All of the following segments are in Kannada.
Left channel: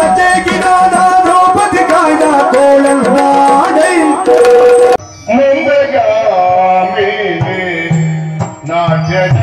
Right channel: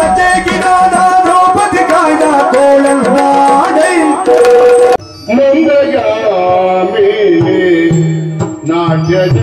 ಲತೆಗಿನಾದ ದ್ರೌಪದಿ ಕಾಯ್ದ ಕೋಳಲ್ನಾಡೈ ನಾಟ್ಯದ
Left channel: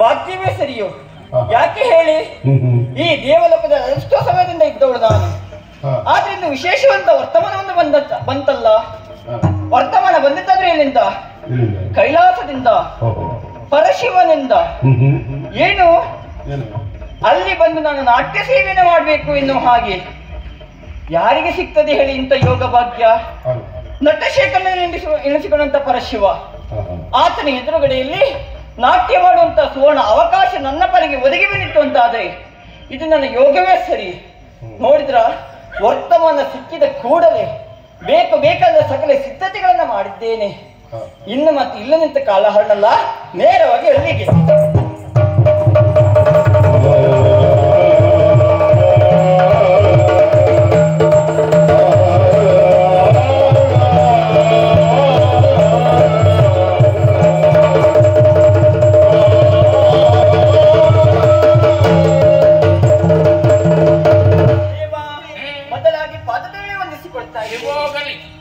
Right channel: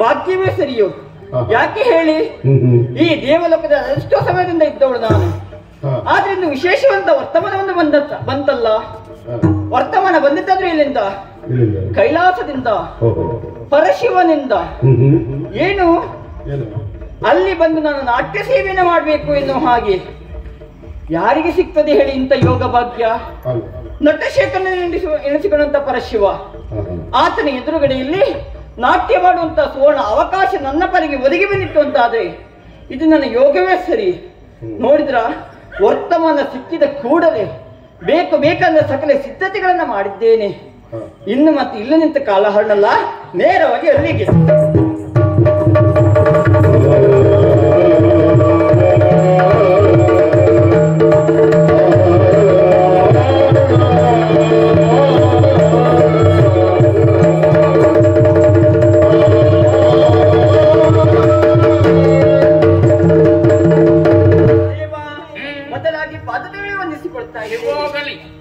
ಭಾಗ್ಯವೇ ಸರಿಯು. ಯಾಕೆ ಹೇಳಿ, ಈ ದೇವಲೋಕದ ಎಷ್ಟೋ ಸಮಯದಿಂದ ಇದ್ದವಳು ನಾನು. ಆದ್ರೆ ಇನ್ನು ವಿಶೇಷವಂತ ವರ್ತಮಾನವನ್ನು ಬಂತಲ್ಲ. ವರ್ತಮಾನ ಬಂದಿದ್ದಾದ್ರೆ ಎಲ್ಲಿಂದ? ಕೈಲಾಸದಿಂದ, ಪರಶಿವನಿಂದ. ಏನು ಅಲ್ಲಿ ಬಂದು ನಾನು ನಾಟ್ಯ ಸೇವೆಯನ್ನು ಮಾಡಬೇಕು ಎನ್ನುವ ಹಾಗೆ ಯಾರಿಗೆ ಸಿಗ್ತದೆ ಹೇಳಿ ಇಂಥ ಯೋಗ ಭಾಗ್ಯ? ನಟಶೇಖರನ ಎನಿಸಿಕೊಂಡಂತ ಪರಶಿವ, ಆತನ ಎದುರುಗಡೆಯಲ್ಲಿ ನಾಟ್ಯ ಮಾಡುವಂತ ಸುವರ್ಣ ಅವಕಾಶ ನನ್ನ ಪಾಲಿಗೆ ಒದಗಿ ಬಂದಿತ್ತು ಅಂತಾದ್ರೆ ಇದು ನನ್ನ ಯೋಗವೇ ಸರಿ. ನೋಡಿದ್ರ ವರ್ತಮಾನ ಸಿಕ್ಕಿದ ಕೂಡಲೇ ಬೇಕಾದ ಸಕಲ ಸಿದ್ಧತೆಗಳನ್ನ ಮಾಡಿದ್ದೇನೆ. ಇನ್ನು ಮತ್ತೆ ಇಲ್ಲ ನಿಂತ ಕಾಲ ಹಣ್ಣಲ್ಲ, ನೇರವಾಗಿ ಅಲ್ಲಿಗೆ.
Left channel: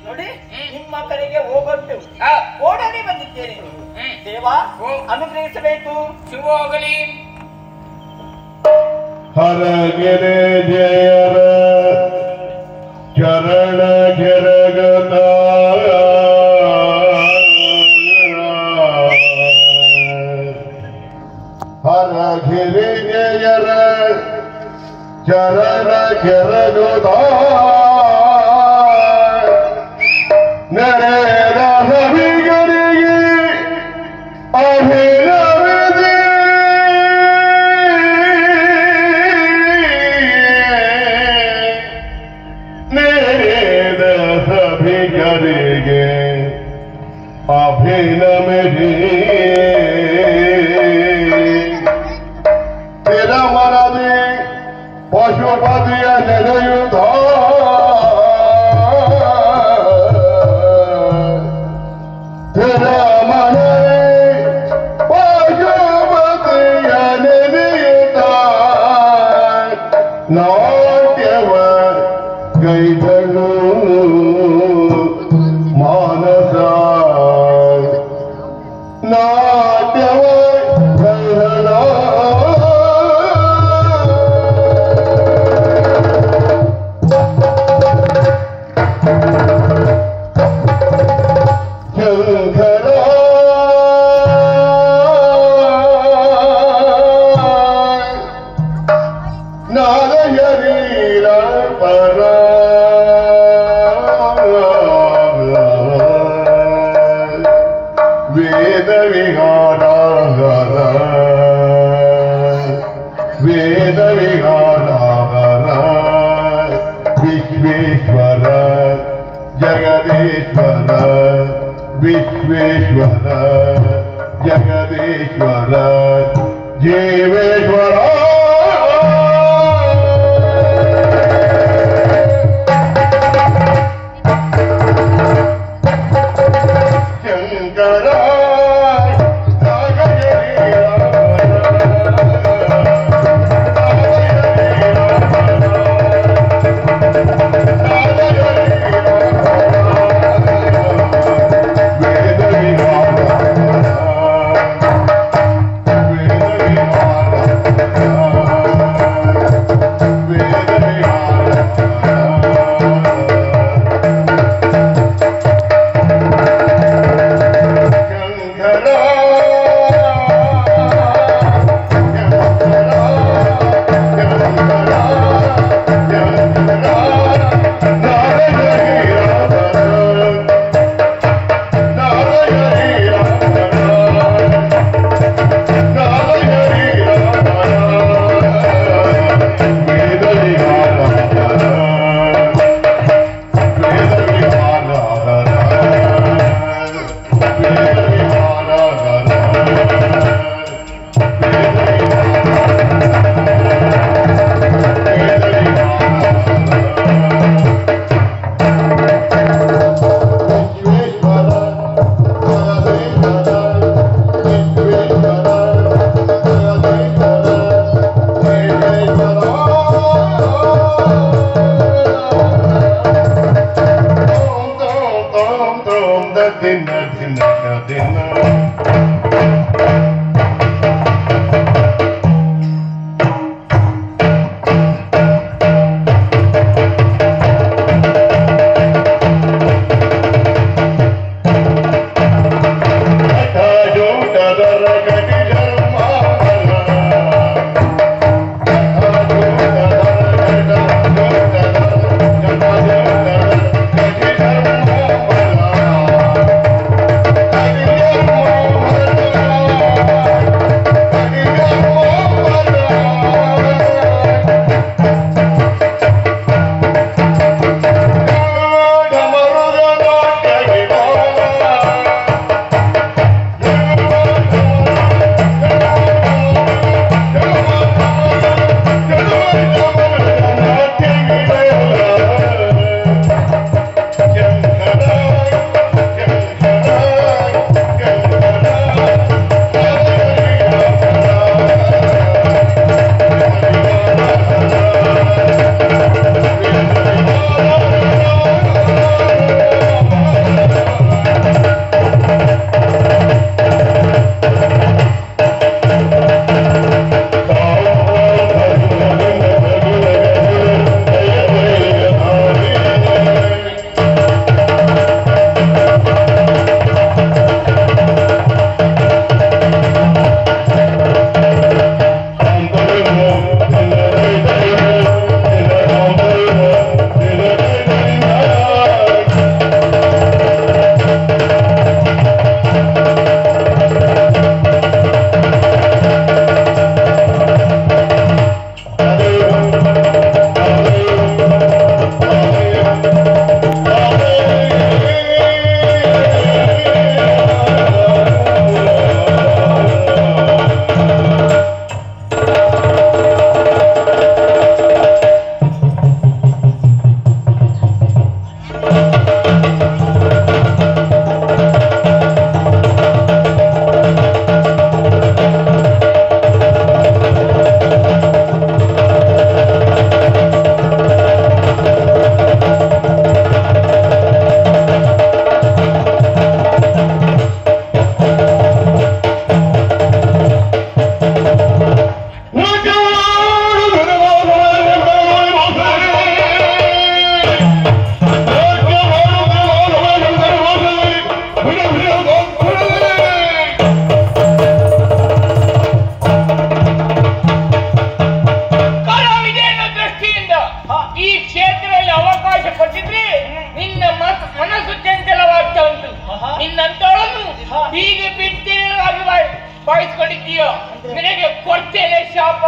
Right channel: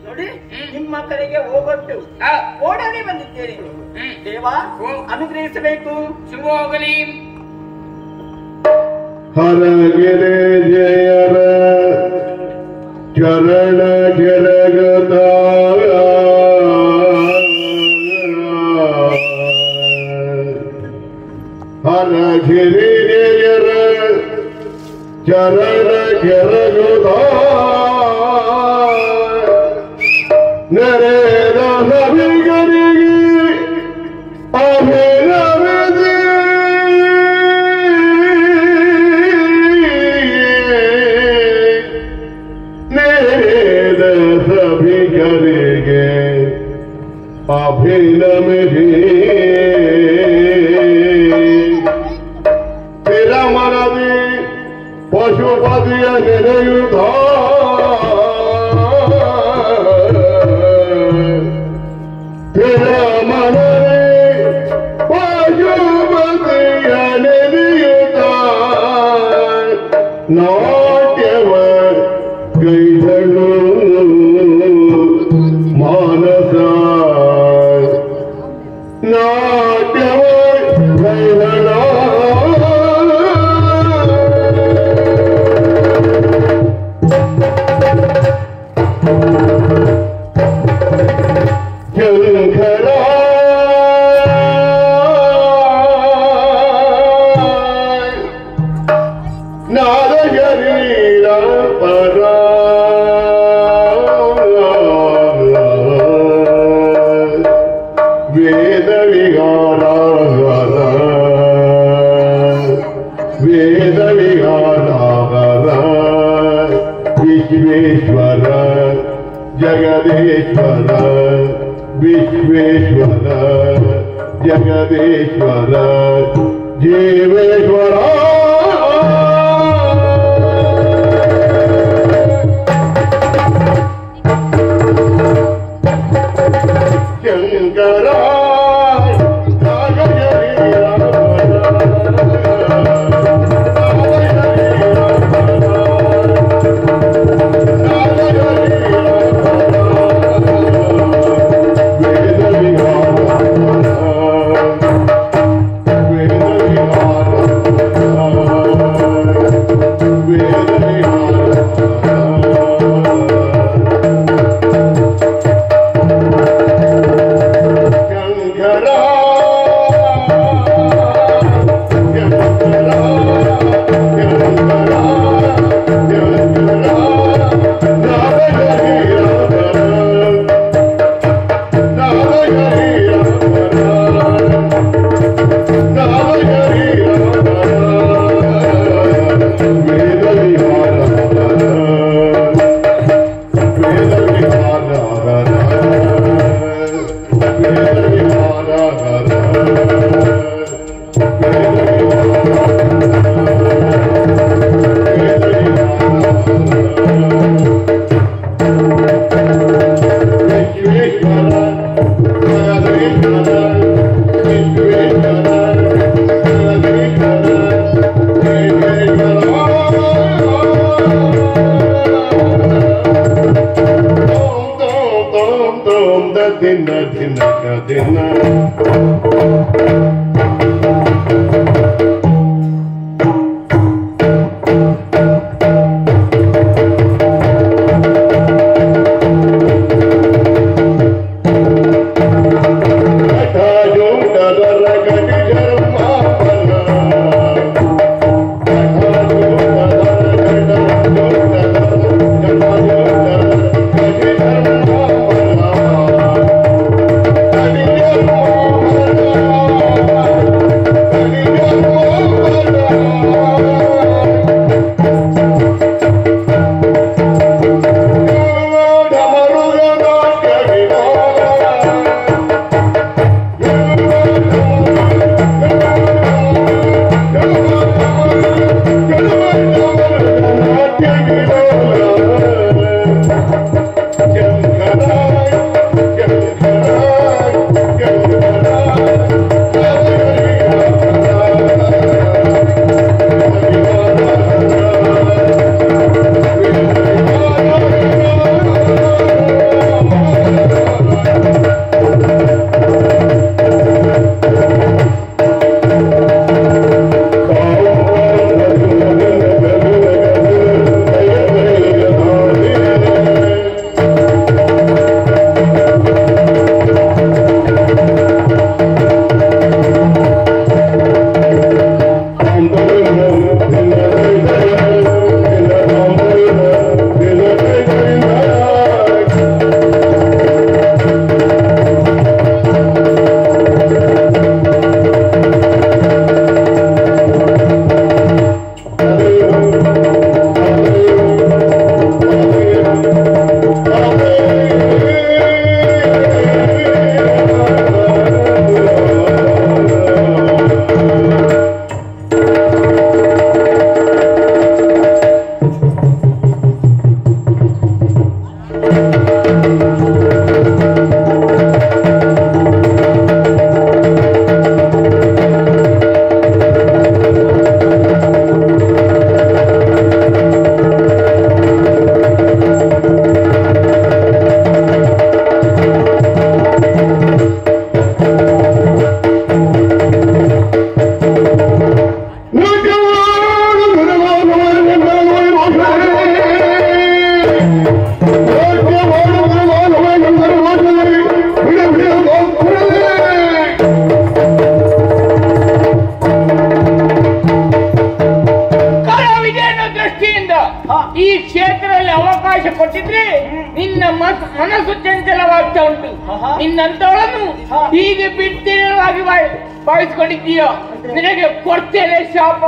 ನೋಡಿ, ನಿಮ್ಮ ಕರೆಗೆ ಹೋಗೊಟ್ಟು ಓಡಲಿ ಬಂದಿದ್ದೇನೆ. ದೇವ ಅನುಗ್ರಹಿಸಬೇಕು. ಶಿವೋಗಲಿ. ಹರಗೆರೆ ದೇವ ಚರಣ ಜರಗದ ಹರಗೆರೆ ಜಯರ ಚರಣ ಜರಗದ ನರೇನ ಹರಿಗರಿಗೆ ಅಭಿನವದೆ ನೇದ ಸಭಿಗರಿಗೆ ಅಭಿನವದೆ ತಿರಮರದೆ ಪಶುಪತಿಯ ನೆನೆಯುತ್ತ ನಾಟ್ಯವ ಕೈಗಳು ಮಾನಸ ವೇದ ವಿಹಾರಾಗರ ವೇದ ವಿಹಾರಾಗರ ವಿಶ್ವೇಶ್ವರ ಜಗದೇಶ್ವರ ವಿಶ್ವೇಶ್ವರ ಜಗದೇಶ್ವರ ಜೀವೇಶ್ವರ ಶಂಕರ ನಿನ್ನ ಮನಸ್ಸು ಚಂಚಲವಾಗ್ತಾ ಉಂಟು. ನಿನ್ನಂತವಳನ್ನು ಹೀಗೆ ಬಿಡ್ತೇನವಾಗಿ ಭಾವಿಸ್ಕೊಂಡಿದ್ದೀಯೋ ನಿನಗೆ ಕೊಡ್ತೇನೆ ಶಾಪ.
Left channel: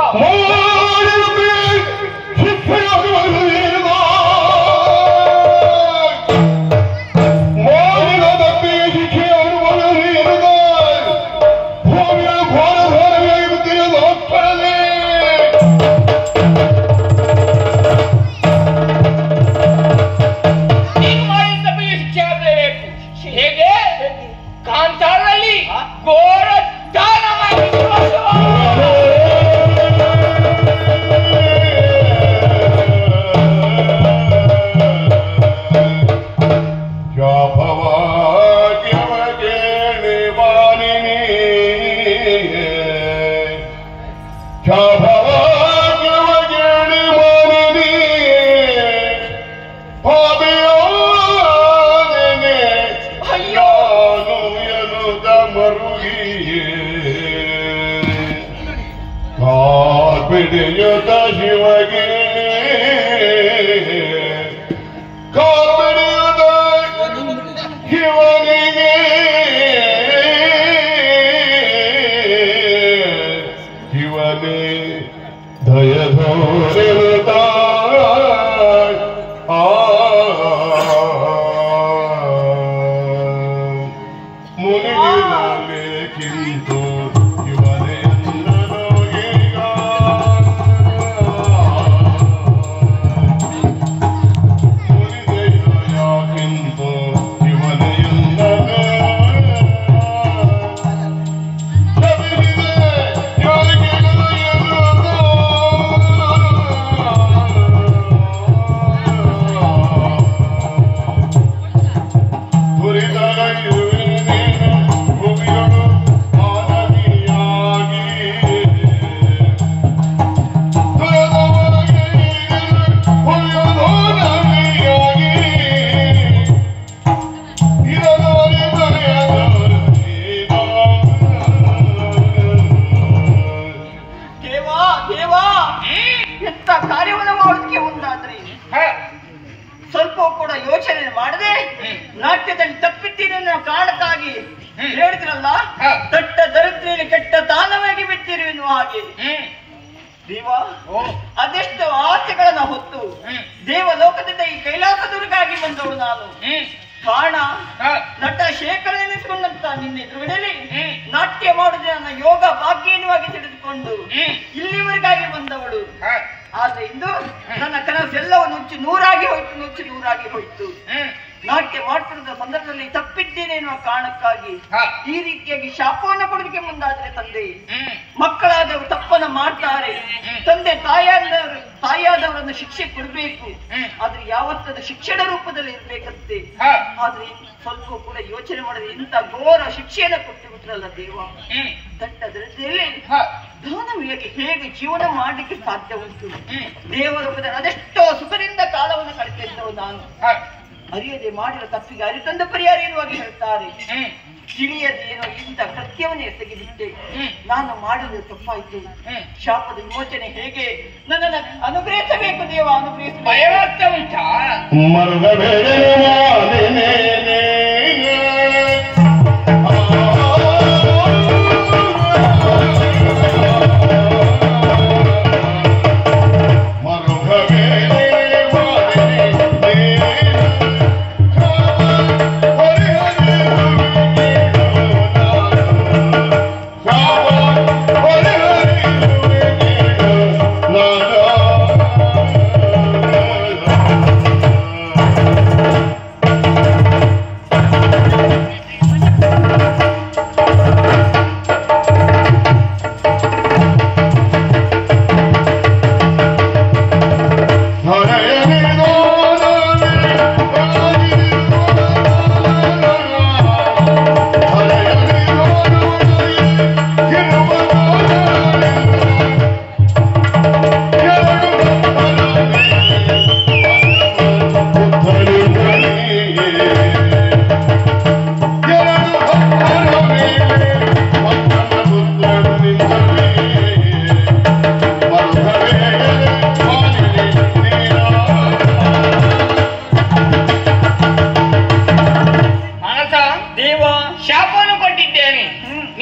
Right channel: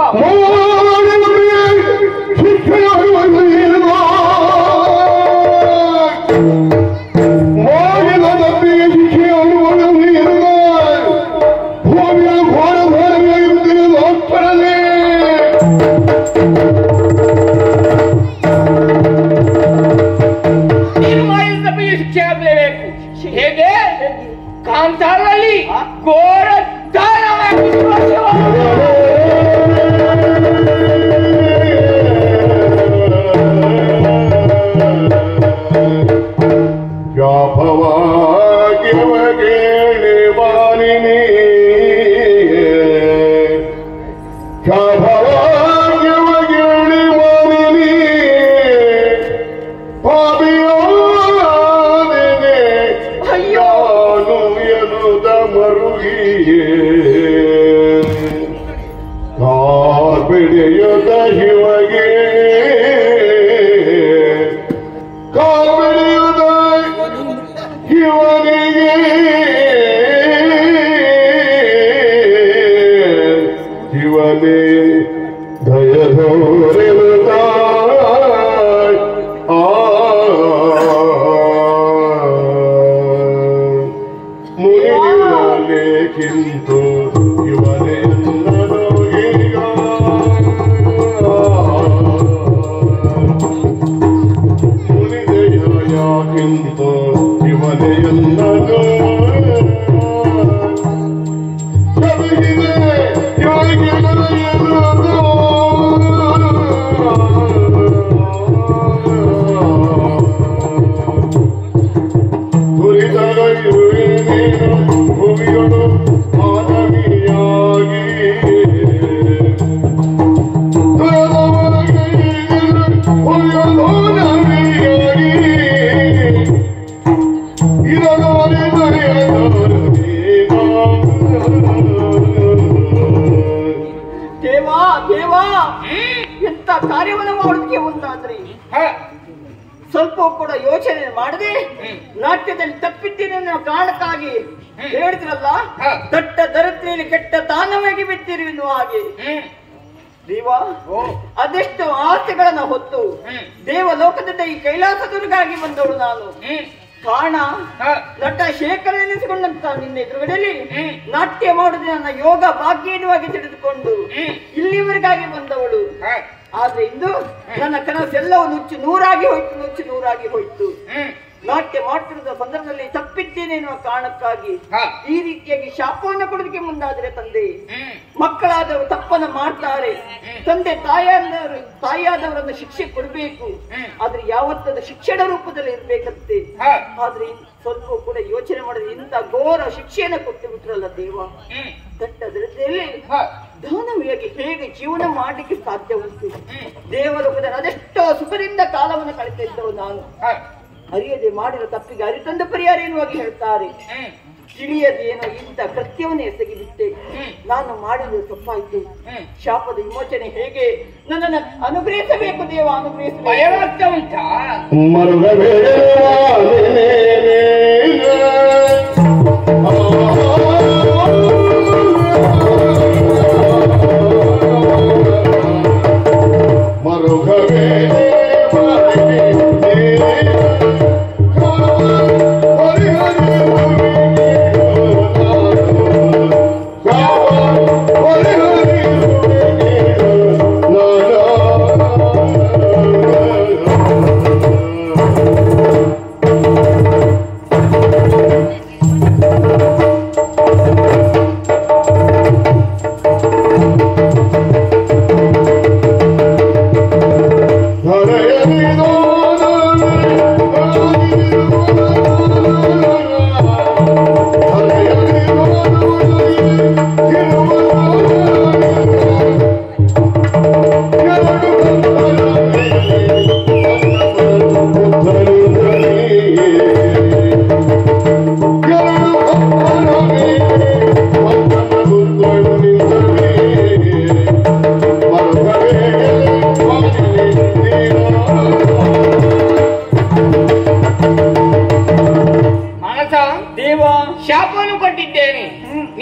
ಹೇಗೆ ಕಾಂತಾರಲ್ಲಿ ಘೋರ ದಾನವಾಗಿ ಬಿಡಿಯುತ್ತ ಶಿವಗೆ ಕಾಲ್ಬಿಡಿಯುತ್ತ ಶಿವನಿಗೆ ಶಿವನೇ ದಯಧೋರೆನುತ್ತ ಮುಗಿಲಾಗೇಕಿಂತು ಶಿವನೇ ಸ್ವಲ್ಪ ಕೂಡ ಯೋಚನೆ ಮಾಡದೆ ನಾಟ್ಯದಲ್ಲಿ ತಪ್ಪಿದ್ದೇನೆ ಅನ್ನೋ ಕಾರಣಕ್ಕಾಗಿ ಹೇಳಿದ್ರಲ್ಲ, ದಟ್ಟ ದರಿದ್ರಿಯಲ್ಲಿ ಕೆಟ್ಟ ತಾನವಾಗಿ ಬಿಟ್ಟಿರು ಎನ್ನುವ ಹಾಗೆ ದೇವ ಅದೆಷ್ಟು ಆಸೆಗಳನ್ನ ಹೊತ್ತು ದೇವಲೋಕದಿಂದ ಈ ಕೈಲಾಸದುರ್ಗಾಗಿ ಬಂದವಳು ನಾನು. ಕಾರಣ ನಟ ಶೇಖರ ಎನಿಸಿಕೊಂಡಂತ ನಿನ್ನ ಎದುರುಗಡೆಯಲ್ಲಿ ನಾಟ್ಯ ಮಾಡುವುದೇ ನನ್ನ ಯೋಗ ಭಾಗ್ಯ ಎನ್ನುವಾಗಿ ತಿಳಿದುಕೊಂಡು ಇಲ್ಲಿವರೆಗಾಗಿ ಬಂದವಳು. ಆದ್ರೆ ಇಂದು ನನ್ನ ಕನಸೆಲ್ಲವೂ ನುಚ್ಚು ನೂರಾಗಿ ಹೋಯ್ತು. ನಾಟ್ಯ ಮಾಡ್ತಿರುವ ಸಂದರ್ಭದಲ್ಲಿ ತಪ್ಪಿದ್ದೇನೆ ಎನ್ನುವ ಕಾರಣಕ್ಕಾಗಿ ಈ ರೀತಿಯಾಗಿ ಶಾಪವನ್ನು ಕೊಡೋದಕ್ಕೆ ಮುಂದಾದ್ರೆ ತಂದೆ ಮಕ್ಕಳಾದವರು ತಪ್ಪನ್ನ ಮಾಡ್ತಾರೆ. ತಂದೆ ತಾಯಿಯಾದವರನ್ನು ಶಿಕ್ಷೆ ಕೊಡಬೇಕು, ಆದ್ರೆ ಯಾವತ್ತದ ಶಿಕ್ಷಣ ರೂಪದಲ್ಲಿ ಇರ್ಬೇಕಂತೆ. ಆದ್ರೆ ಸ್ವಲ್ಪ ಕೂಡ ಯೋಚನೆ ಮಾಡಿದ್ರೆ ಇಂಥ ಘೋರ ಶಿಕ್ಷೆಯನ್ನು ಕೊಟ್ಟು ಬಿಟ್ರಲ್ಲ ದೇವ. ದಟ್ಟ ದರಿದ್ರದಲ್ಲಿ ದಾನವಿಯಾಗಿ ಹೇಗೆ ಜೀವನ ಮಾಡಲಿಕ್ಕೆ ಸಾಧ್ಯ ಉಂಟು? ದೇವಲೋಕದ ಅದೆಷ್ಟೋ ಸುಖದಿಂದ ಕಾಲವನ್ನು ಕಳೆತಿದ್ದವು ನಾನು. ಅರಿಯದೆ ಮಾಡಿದ ತಪ್ಪಿಗೆ ಅರಿತಂದು ಪರಿಹಾರ ಎನ್ನುವಾಗಿ ಹೇಳ್ತಾರೆ. ತಿಳಿಯದೇನೋ ಇಂಥ ಕೃತ್ಯವನ್ನೇ ಎಸಗಿಬಿಟ್ಟೆ. ನಾನು ಮಾಡಿದ ತಪ್ಪಾಯ್ತು. ಶಾಪದ ವಿಮೋಚನೆ ಹೇಗೆ ನನ್ನನ್ನು ಅನುಗ್ರಹಿಸಬೇಕು ದೇವ, ಅನುಗ್ರಹಿಸಬೇಕು. ಉಂಟಾ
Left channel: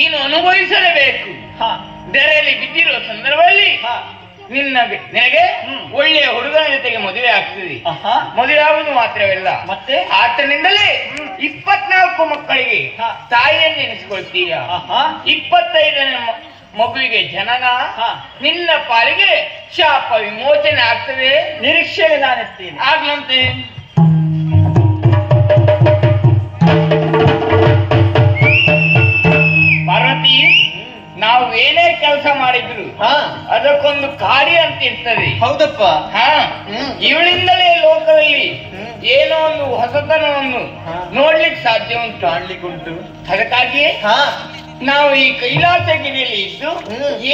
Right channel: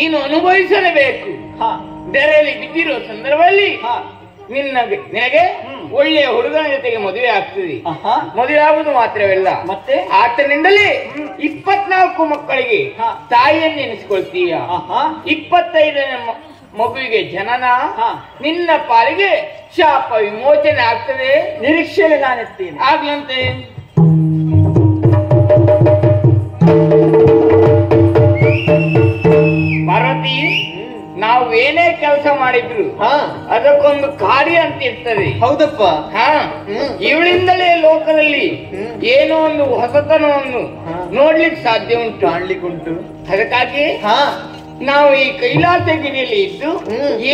ನೀನು ಅನುಭವಿಸಲೇಬೇಕು. ಧರೆಯಲ್ಲಿ ಬಿದ್ದಿರುವ ಸಂದರ್ಭದಲ್ಲಿ ನಿನಗೆ ಒಳ್ಳೆಯ ಹುಡುಗನ ಜೊತೆಗೆ ಮದುವೆ ಆಗ್ತದೆ. ಮದುವೆಯಾಗುವುದು ಮಾತ್ರವಲ್ಲ, ಮತ್ತೆ ಆತನಿಂದಲೇ 24 ಮಕ್ಕಳಿಗೆ ತಾಯಿಯನ್ನು ಎನಿಸಿಕೊಳ್ತೀಯ. 25ನೇ ಮಗುವಿಗೆ ಜನನ, ನಿನ್ನ ಪಾಲಿಗೆ ಶಾಪ ವಿಮೋಚನೆ ಆಗ್ತದೆ. ನಿರೀಕ್ಷೆ ನಾನೆತ್ತೀನಿ ಆಗ್ಲಂತೆ. ಪಾರ್ವತಿ, ನಾವು ಏನೇ ಕೆಲಸ ಮಾಡಿದ್ರು ಅದಕ್ಕೊಂದು ಕಾರ್ಯ ಅಂತ ಇರ್ತದೆ. ಹೌದಪ್ಪ. ಇವಳಿಂದಲೇ ಲೋಕದಲ್ಲಿ ಏನೋ ಒಂದು ಹೊಸತನವನ್ನು ನೋಡ್ಲಿಕ್ಕೆ ಸಾಧ್ಯ ಉಂಟು, ಆಡ್ಲಿಕ್ಕುಂಟು. ಅದಕ್ಕಾಗಿ ನಾವು ಈ ಕೈಲಾಸಗಿರಿಯಲ್ಲಿ ಇದ್ದು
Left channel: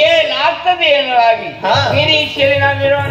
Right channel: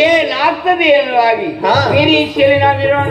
ಏನಾಗ್ತದೆ ಅನ್ನೋದಾಗಿ ನಿರೀಕ್ಷೆಯಲ್ಲಿ ನಾವಿರೋಣ.